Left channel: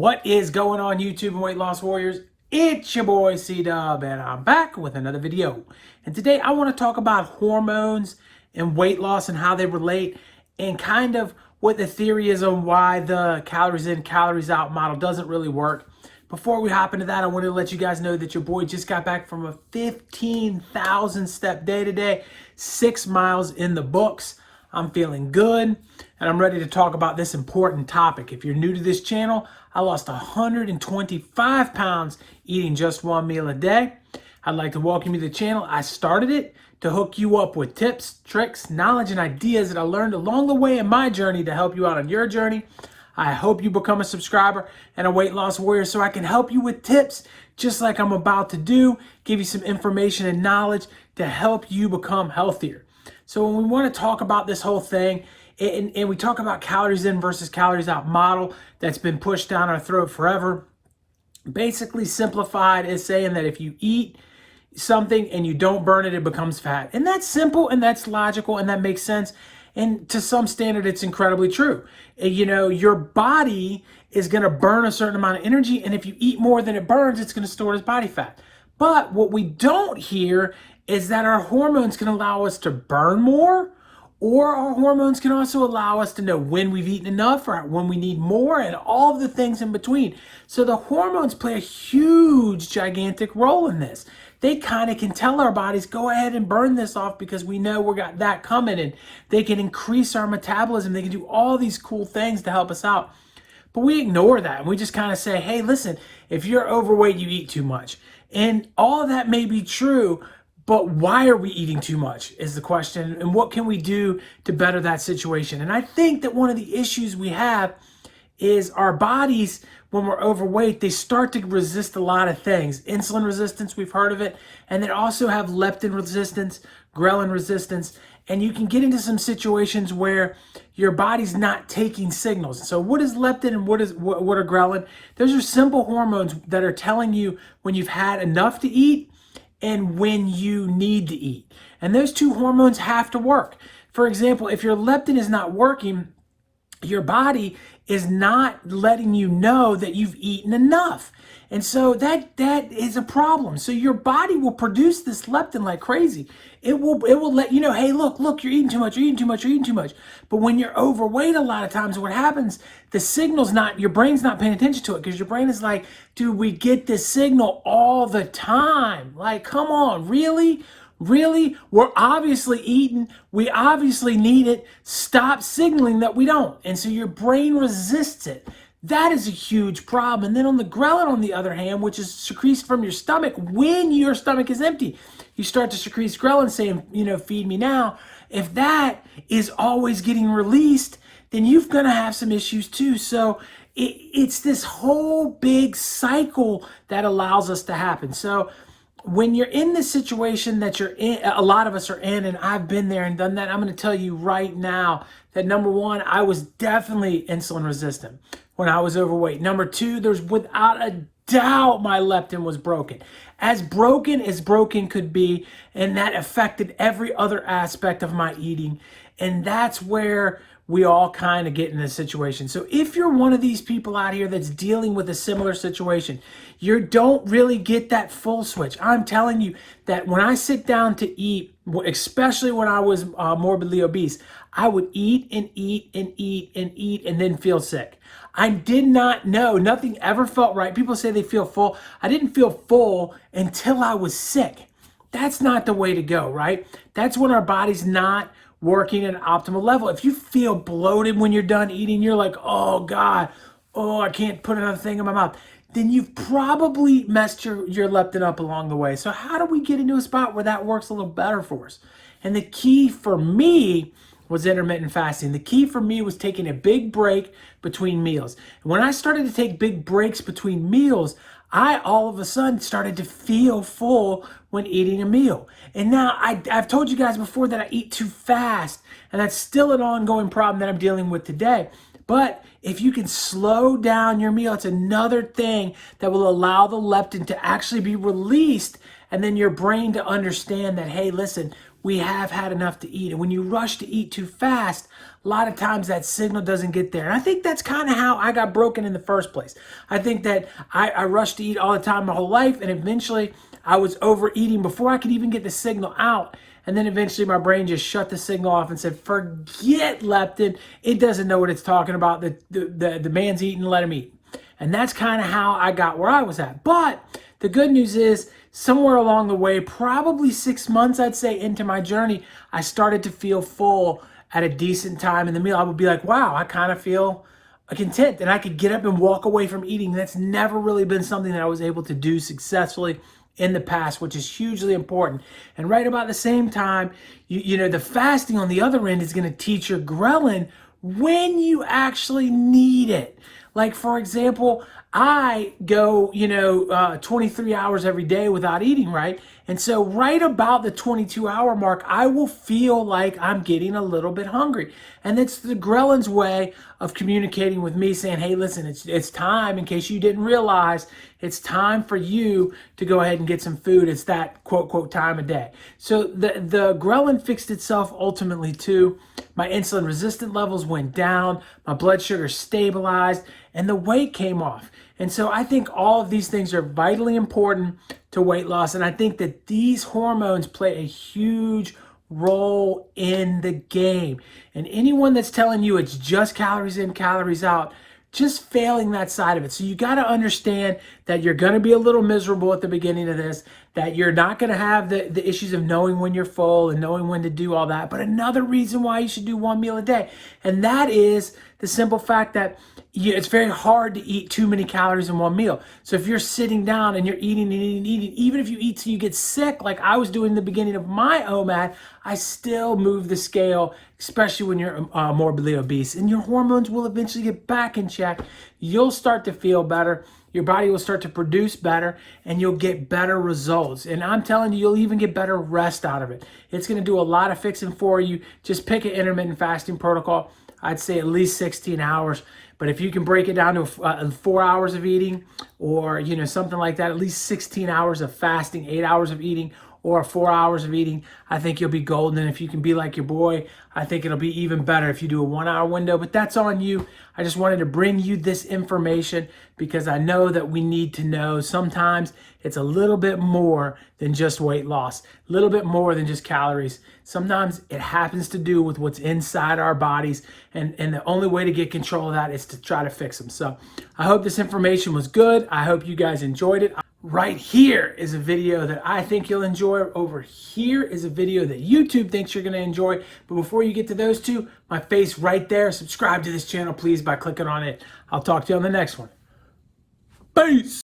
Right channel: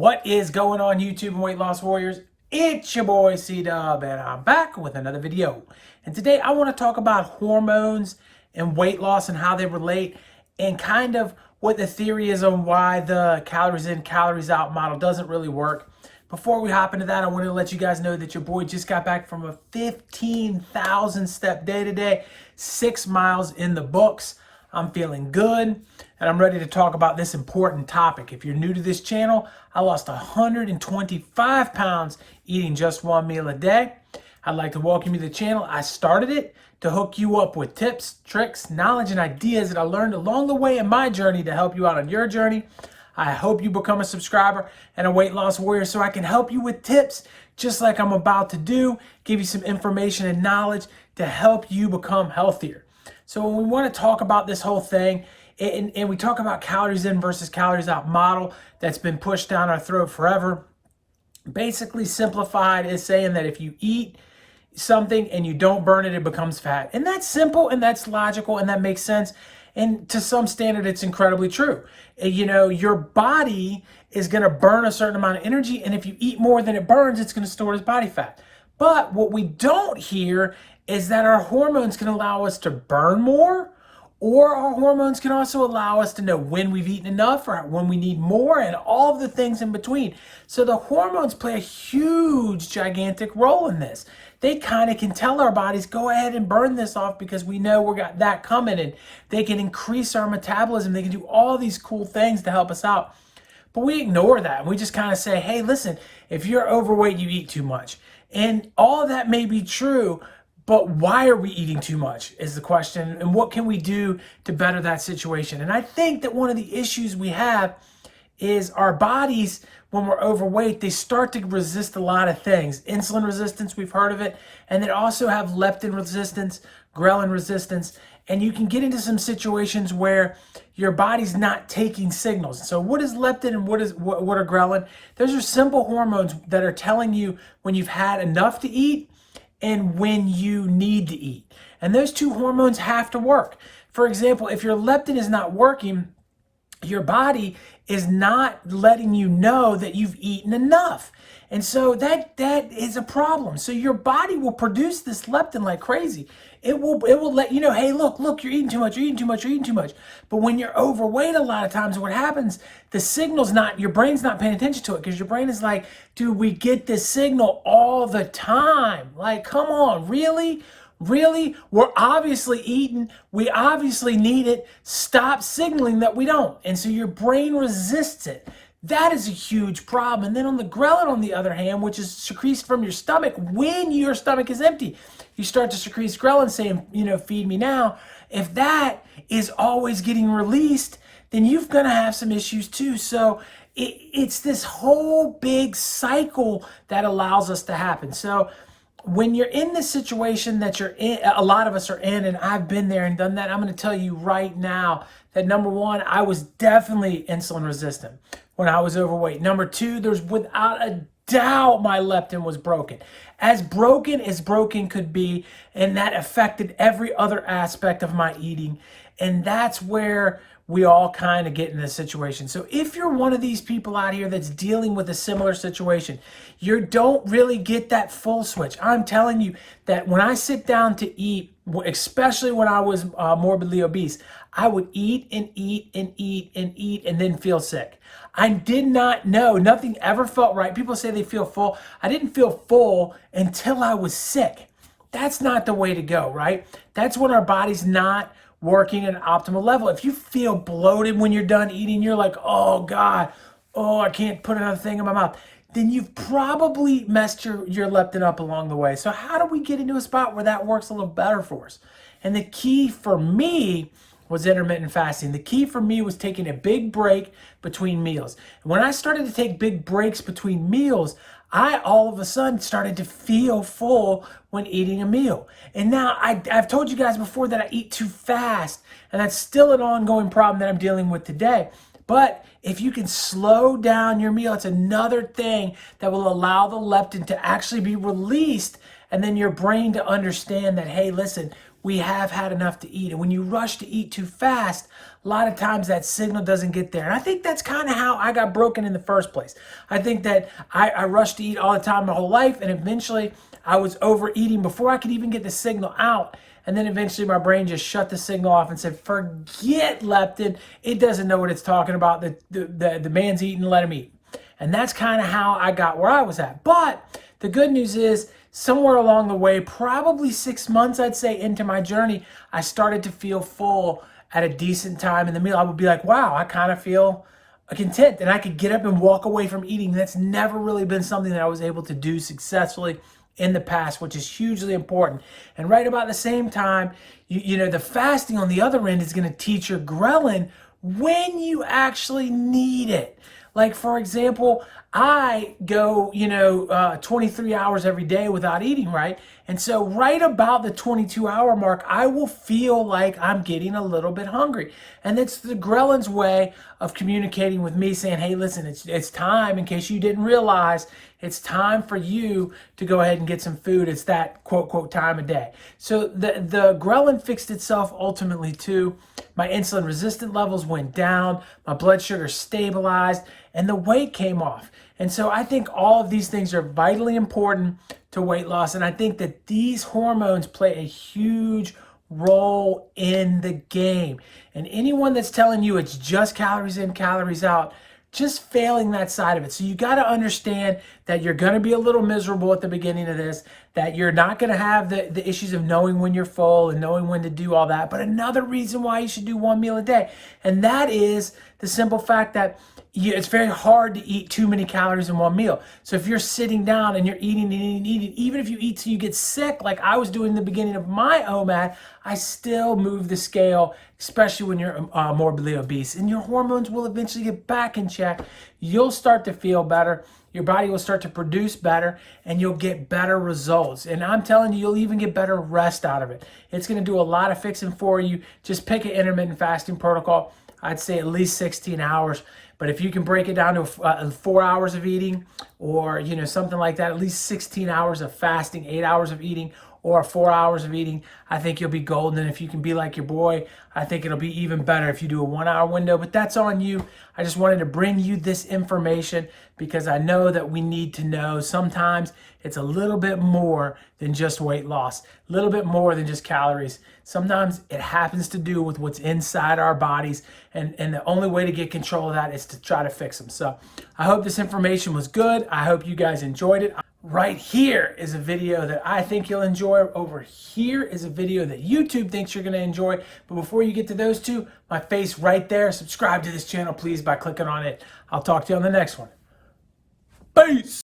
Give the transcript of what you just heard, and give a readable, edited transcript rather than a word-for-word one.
What is going on, YouTube and weight loss warriors? It's your boy C-Dub, and I'm back with another video. And today I want to talk about hormones and weight loss and how they relate, and kind of what the theory is on why the calories in, calories out model doesn't really work. Before we hop into that, I wanted to let you guys know that your boy just got back from a 15,000 step day today, 6 miles in the books. I'm feeling good, and I'm ready to talk about this important topic. If you're new to this channel, I lost 125 pounds eating just one meal a day. I'd like to welcome you to the channel. I started it to hook you up with tips, tricks, knowledge, and ideas that I learned along the way in my journey to help you out on your journey. I hope you become a subscriber and a weight loss warrior so I can help you with tips just like I'm about to do, give you some information and knowledge to help you become healthier. So when we want to talk about this whole thing, and we talk about calories in versus calories out model that's been pushed down our throat forever, basically simplified is saying that if you eat something and you don't burn it, it becomes fat. And that's simple and that's logical and that makes sense. And to some standard, it's incredibly true. You know, your body is going to burn a certain amount of energy, and if you eat more than it burns, it's going to store as body fat. But what we don't hear is that our hormones can allow us to burn more, or our hormones can also allow us to know when we've eaten enough or when we need more, and all of the things in between. So the hormones play a huge, gigantic role in this. They kind of can tell our bodies, go ahead and burn this off because we know we got that coming, and they can increase our metabolism. They can do all these cool things to help us out. But we ignore that, and we just kind of say, hey, listen, if you're overweight, you eat too much. And all of that may be true, but why are we eating too much is the question, and what can we do to better that situation? And I think that one of the issues we have is our bodies, when we're overweight, they start to resist a lot of things. Insulin resistance, we've heard of it, and they also have leptin resistance, ghrelin resistance, and you can get into some situations where your body's not taking signals. So what is leptin and what are ghrelin? Those are simple hormones that are telling you when you've had enough to eat and when you need to eat. And those two hormones have to work. For example, if your leptin is not working, your body is not letting you know that you've eaten enough. And so that is a problem. So your body will produce this leptin like crazy. It will let you know, hey, look, you're eating too much, you're eating too much, you're eating too much. But when you're overweight, a lot of times what happens, the signal's not, your brain's not paying attention to it, because your brain is like, dude, we get this signal all the time. Like, come on, really? Really? We're obviously eating. We obviously need it. Stop signaling that we don't. And so your brain resists it. That is a huge problem. And then on the ghrelin, on the other hand, which is secreted from your stomach when your stomach is empty, you start to secrete ghrelin saying, you know, feed me now. If that is always getting released, then you're going to have some issues too. So it's this whole big cycle that allows us to happen. So when you're in the situation that you're in, a lot of us are in, and I've been there and done that, I'm going to tell you right now that number one, I was definitely insulin resistant when I was overweight. Number two, there's without a doubt my leptin was broken. As broken could be, and that affected every other aspect of my eating. And that's where we all kind of get in this situation. So if you're one of these people out here that's dealing with a similar situation, you don't really get that full switch. I'm telling you that when I sit down to eat, especially when I was morbidly obese, I would eat and eat and eat and eat and then feel sick. I did not know. Nothing ever felt right. People say they feel full. I didn't feel full until I was sick. That's not the way to go, right? That's when our body's not working at an optimal level. If you feel bloated when you're done eating, you're like, oh God, oh, I can't put another thing in my mouth, then you've probably messed your leptin up along the way. So how do we get into a spot where that works a little better for us? And the key for me was intermittent fasting. The key for me was taking a big break between meals. And when I started to take big breaks between meals, I all of a sudden started to feel full when eating a meal. And now I've told you guys before that I eat too fast, and that's still an ongoing problem that I'm dealing with today. But if you can slow down your meal, it's another thing that will allow the leptin to actually be released, and then your brain to understand that, hey, listen, we have had enough to eat. And when you rush to eat too fast, a lot of times that signal doesn't get there. And I think that's kind of how I got broken in the first place. I think that I rushed to eat all the time my whole life, and eventually I was overeating before I could even get the signal out. And then eventually my brain just shut the signal off and said, forget leptin. It doesn't know what it's talking about. The man's eating, let him eat. And that's kind of how I got where I was at. But the good news is, somewhere along the way, probably 6 months, I'd say, into my journey, I started to feel full at a decent time in the meal. I would be like, wow, I kind of feel content. And I could get up and walk away from eating. That's never really been something that I was able to do successfully in the past, which is hugely important. And right about the same time, you know, the fasting on the other end is going to teach your ghrelin when you actually need it. Like, for example, I go, 23 hours every day without eating, right? And so right about the 22-hour mark, I will feel like I'm getting a little bit hungry. And it's the ghrelin's way of communicating with me, saying, hey, listen, it's time, in case you didn't realize, it's time for you to go ahead and get some food. It's that quote time of day. So the ghrelin fixed itself ultimately too. My insulin resistant levels went down, my blood sugar stabilized, and the weight came off. And so I think all of these things are vitally important to weight loss. And I think that these hormones play a huge role in the game. And anyone that's telling you it's just calories in, calories out, just failing that side of it. So you got to understand that you're going to be a little miserable at the beginning of this, that you're not going to have the issues of knowing when you're full and knowing when to do all that. But another reason why you should do one meal a day, and that is the simple fact that it's very hard to eat too many calories in one meal. So if you're sitting down and you're eating, even if you eat till you get sick, like I was doing in the beginning of my OMAD, I still move the scale, especially when you're morbidly obese. And your hormones will eventually get back in check. You'll start to feel better. Your body will start to produce better, and you'll get better results. And I'm telling you, you'll even get better rest out of it. It's going to do a lot of fixing for you. Just pick an intermittent fasting protocol. I'd say at least 16 hours. But if you can break it down to 4 hours of eating, or something like that, at least 16 hours of fasting, 8 hours of eating, or 4 hours of eating, I think you'll be golden. And if you can be like your boy, I think it'll be even better if you do a 1 hour window. But that's on you. I just wanted to bring you this information because I know that we need to know sometimes it's a little bit more than just weight loss, a little bit more than just calories. Sometimes it happens to do with what's inside our bodies, and the only way to get control of that is to try to fix them. So I hope this information was good. I hope you guys enjoyed it. Right here is a video that I think you'll enjoy. Over here is a video that YouTube thinks you're going to enjoy. But before you get to those two, my face right there, subscribe to this channel, please, by clicking on it. I'll talk to you on the next one. Peace.